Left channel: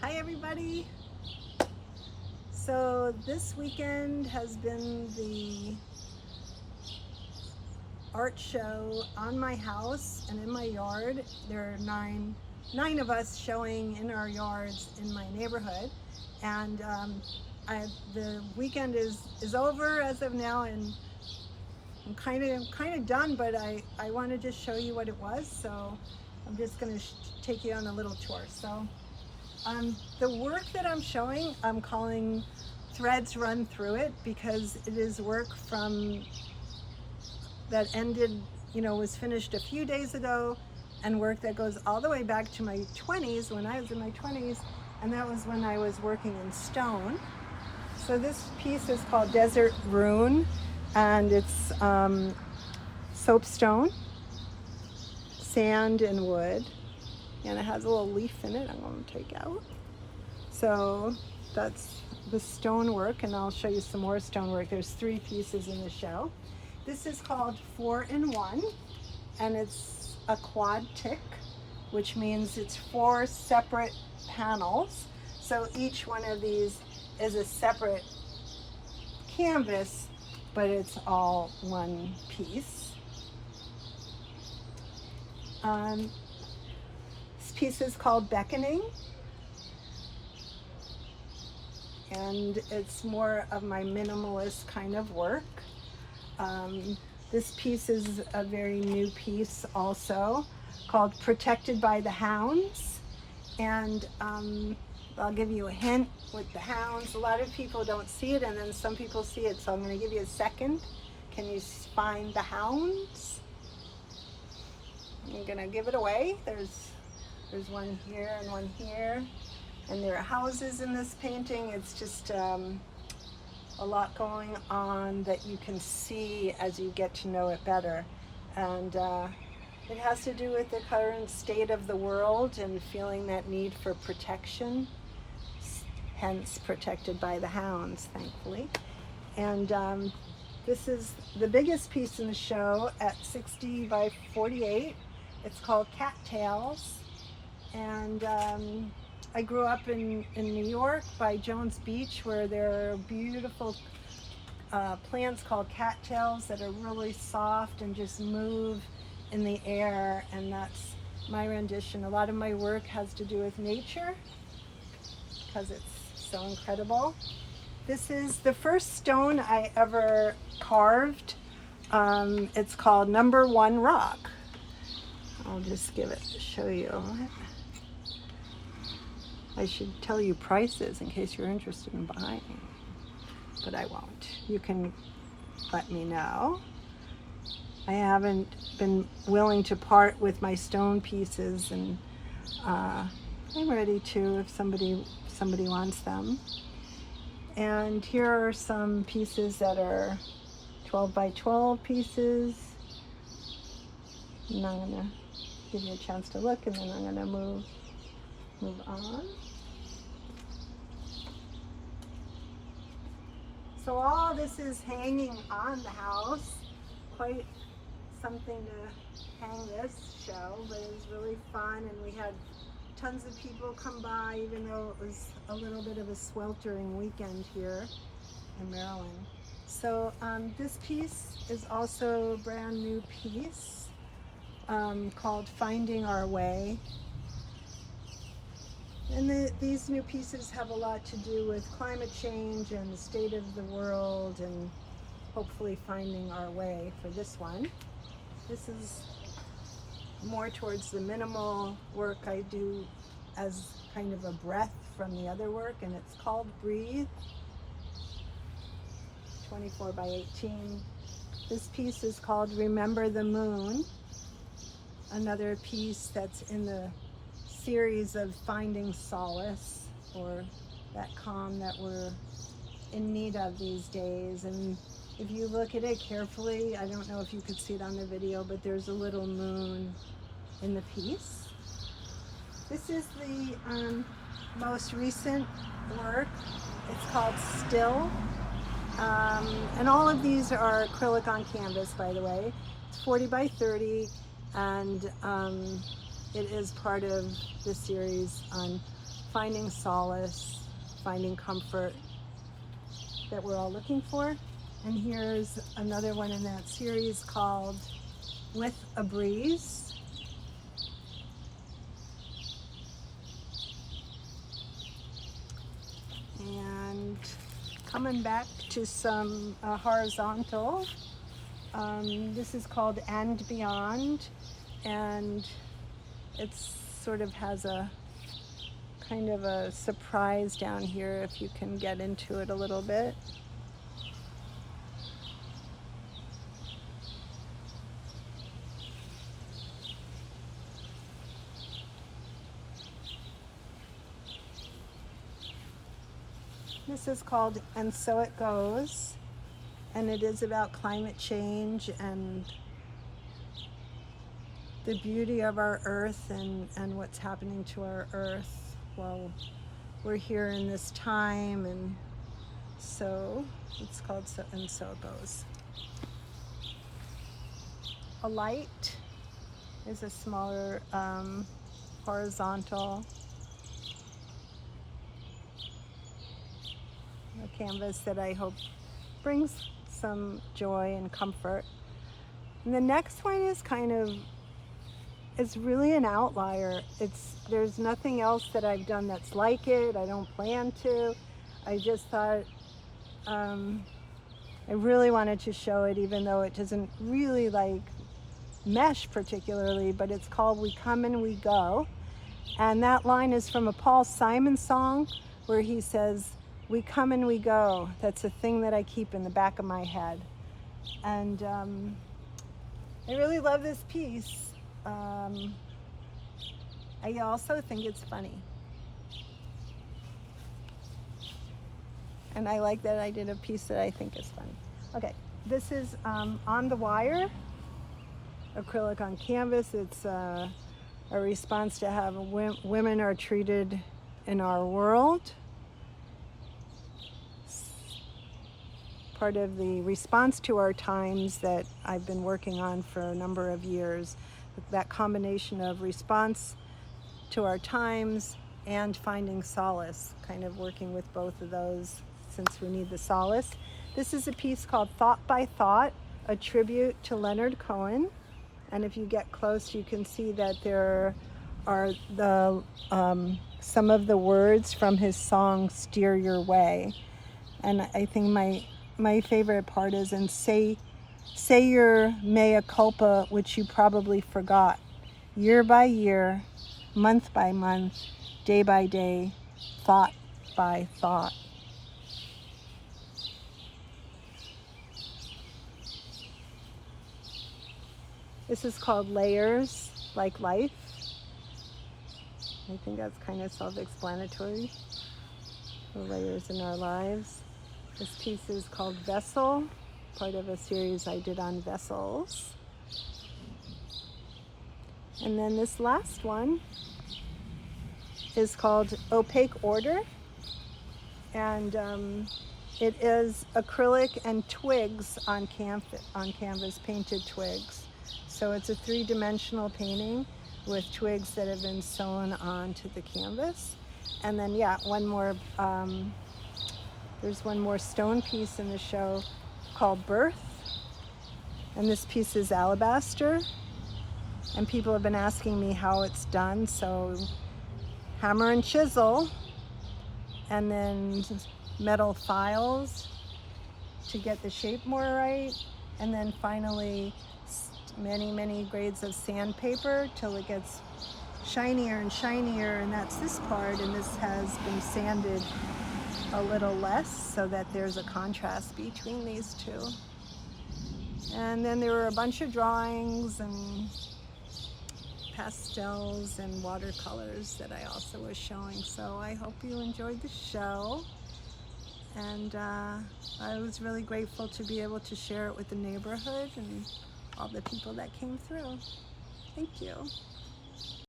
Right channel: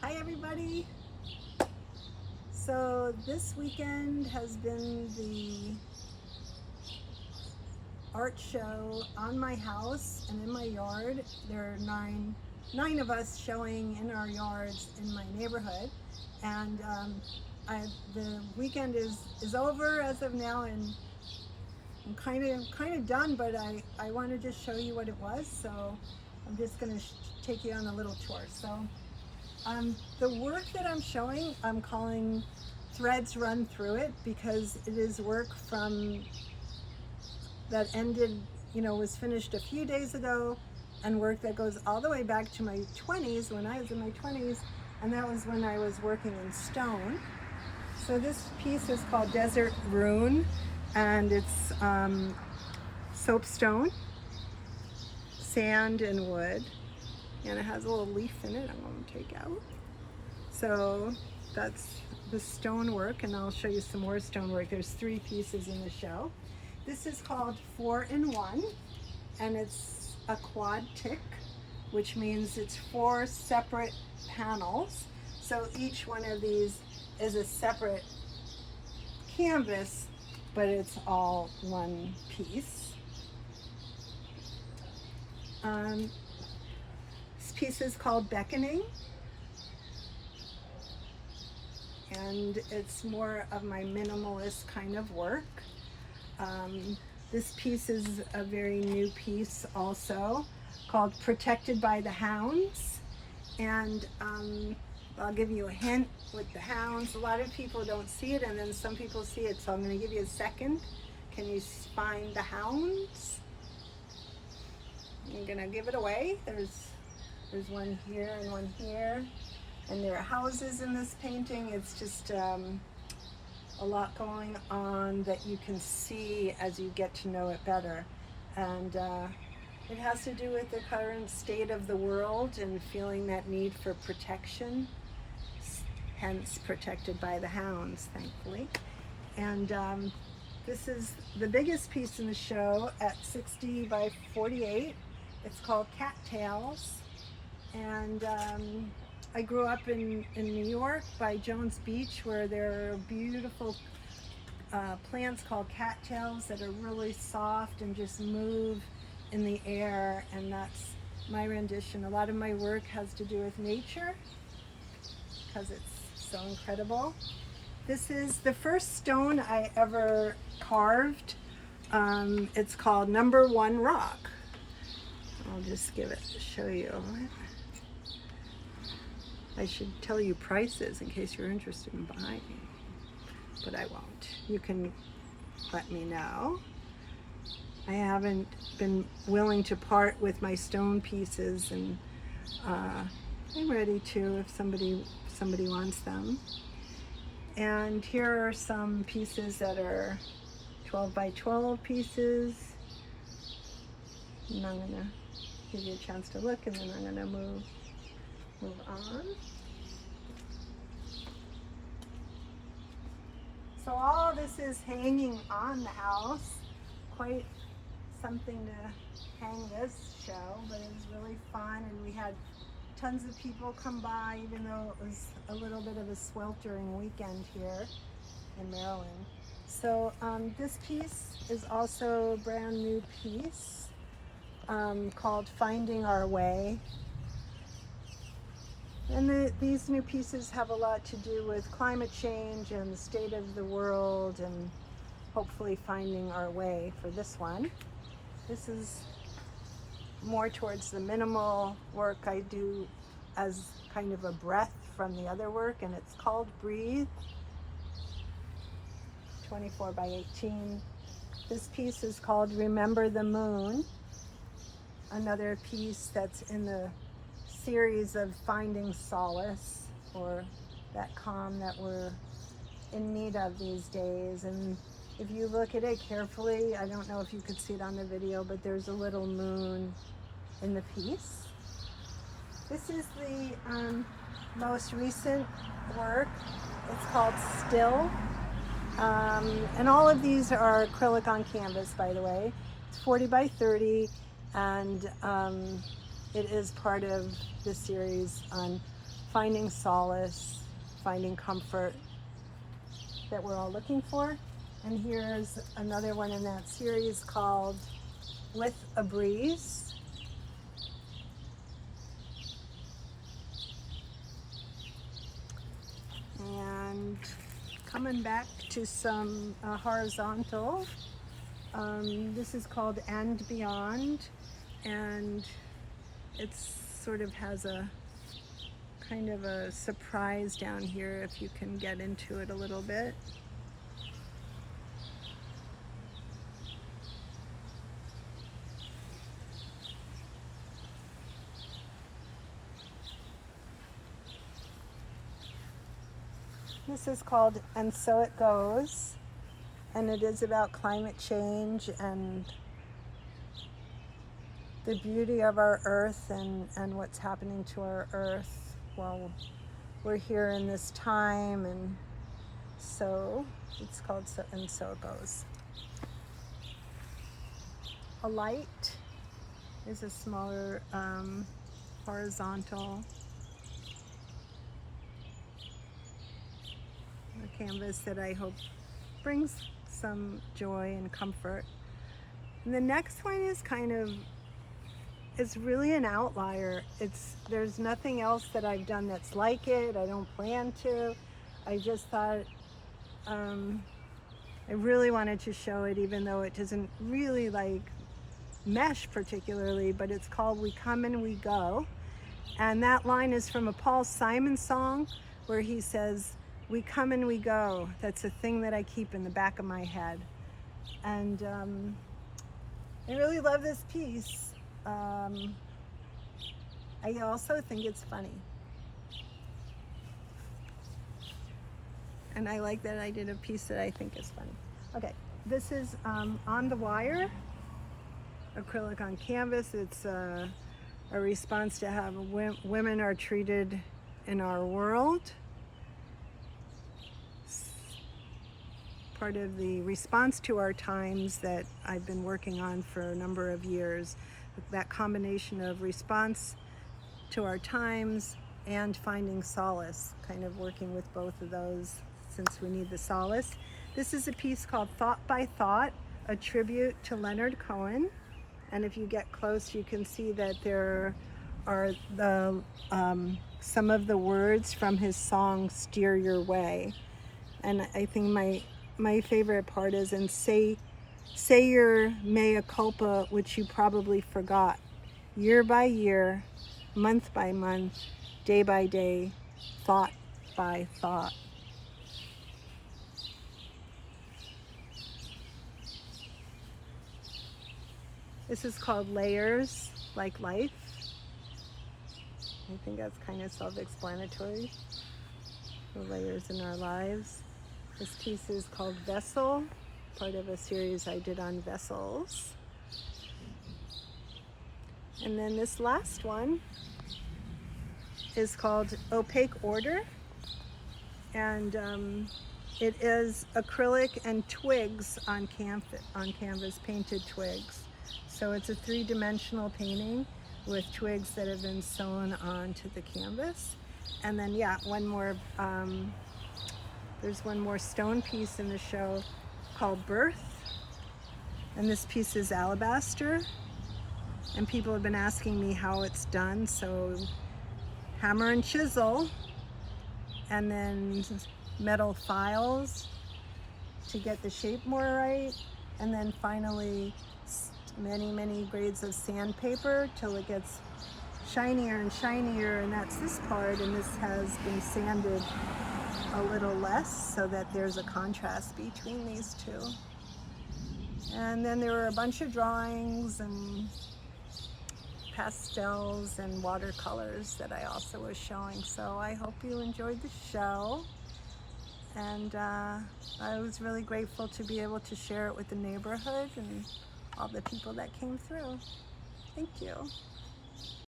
Hi everybody. So this weekend has been the art show on my house and in my yard. There are nine of us showing in our yards in my neighborhood, and the weekend is over as of now, and I'm kind of done. But I want to just show you what it was. So I'm just going to take you on a little tour. So the work that I'm showing, I'm calling Threads Run Through It, because it is work from that ended, was finished a few days ago, and work that goes all the way back to my 20s, when I was in my 20s, and that was when I was working in stone. So this piece is called Desert Rune, and it's soapstone, sand, and wood, and it has a little leaf in it I'm going to take out. So that's the stonework, and I'll show you some more stonework. There's 3 pieces in the show. This is called 4-in-1, and it's a quad-tick, which means it's 4 separate panels. So each one of these is a separate canvas, but it's all one piece. This piece is called Beckoning, and it's more of my minimalist kind of work. This piece is a very new piece also, called Protected by the Hounds, and I'll give you a hint with the hounds. A lot of people don't see it, and then some people see it, so I'm going to give you a second. Can you find the hounds? I'm going to give it away. There's one here and one here, and there are houses in this painting. It's just a lot going on that you can see as you get to know it better, and it has to do with the current state of the world and feeling that need for protection, hence Protected by the Hounds, thankfully. And this is the biggest piece in the show at 60 by 48. It's called Cattails, and I grew up in New York by Jones Beach, where there are beautiful plants called cattails that are really soft and just move in the air, and that's my rendition. A lot of my work has to do with nature because it's so incredible. This is the first stone I ever carved. It's called Number 1 Rock. I'll just show you. I should tell you prices in case you're interested in buying, but I won't. You can let me know. I haven't been willing to part with my stone pieces, and I'm ready to if somebody wants them. And here are some pieces that are 12 by 12 pieces. And I'm gonna give you a chance to look, and then I'm gonna move on. So all of this is hanging on the house. Quite something to hang this show, but it was really fun, and we had tons of people come by, even though it was a little bit of a sweltering weekend here in Maryland. So this piece is also a brand new piece called Finding Our Way. And these new pieces have a lot to do with climate change and the state of the world, and hopefully finding our way for this one. This is more towards the minimal work I do as kind of a breath from the other work, and it's called Breathe, 24 by 18. This piece is called Remember the Moon, another piece that's in the series of finding solace, or that calm that we're in need of these days. And if you look at it carefully, I don't know if you could see it on the video, but there's a little moon in the piece. This is the most recent work. It's called Still. And all of these are acrylic on canvas, by the way. It's 40 by 30, and it is part of the series on finding solace, finding comfort that we're all looking for. And here's another one in that series called With a Breeze. And coming back to some horizontal, this is called And Beyond, and it's sort of has a kind of a surprise down here if you can get into it a little bit. This is called And So It Goes, and it is about climate change and the beauty of our earth and what's happening to our earth while we're here in this time. And so it's called And So It Goes. A light is a smaller horizontal. A canvas that I hope brings some joy and comfort. And the next one is it's really an outlier. There's nothing else that I've done that's like it. I don't plan to. I just thought I really wanted to show it, even though it doesn't really like mesh particularly, but it's called We Come and We Go. And that line is from a Paul Simon song where he says, we come and we go. That's a thing that I keep in the back of my head. And I really love this piece. I also think it's funny. And I like that I did a piece that I think is funny. Okay, this is On the Wire, acrylic on canvas. It's a response to how women are treated in our world. Part of the response to our times that I've been working on for a number of years. That combination of response to our times and finding solace, kind of working with both of those since we need the solace. This is a piece called Thought by Thought, a tribute to Leonard Cohen. And if you get close, you can see that there are some of the words from his song Steer Your Way. And I think my favorite part is, and say your mea culpa, which you probably forgot, year by year, month by month, day by day, thought by thought. This is called Layers Like Life. I think that's kind of self-explanatory, the layers in our lives. This piece is called Vessel, part of a series I did on vessels. And then this last one is called Opaque Order, and it is acrylic and twigs on canvas, painted twigs. So it's a three-dimensional painting with twigs that have been sewn onto the canvas. And then there's one more stone piece in the show called Birth. And this piece is alabaster. And people have been asking me how it's done. So hammer and chisel, and then metal files to get the shape more right. And then finally many grades of sandpaper till it gets shinier and shinier. And that's this part. And this has been sanded a little less so that there's a contrast between these two. And then there were a bunch of drawings and pastels and watercolors that I also was showing. So I hope you enjoyed the show. And I was really grateful to be able to share it with the neighborhood and all the people that came through. Thank you.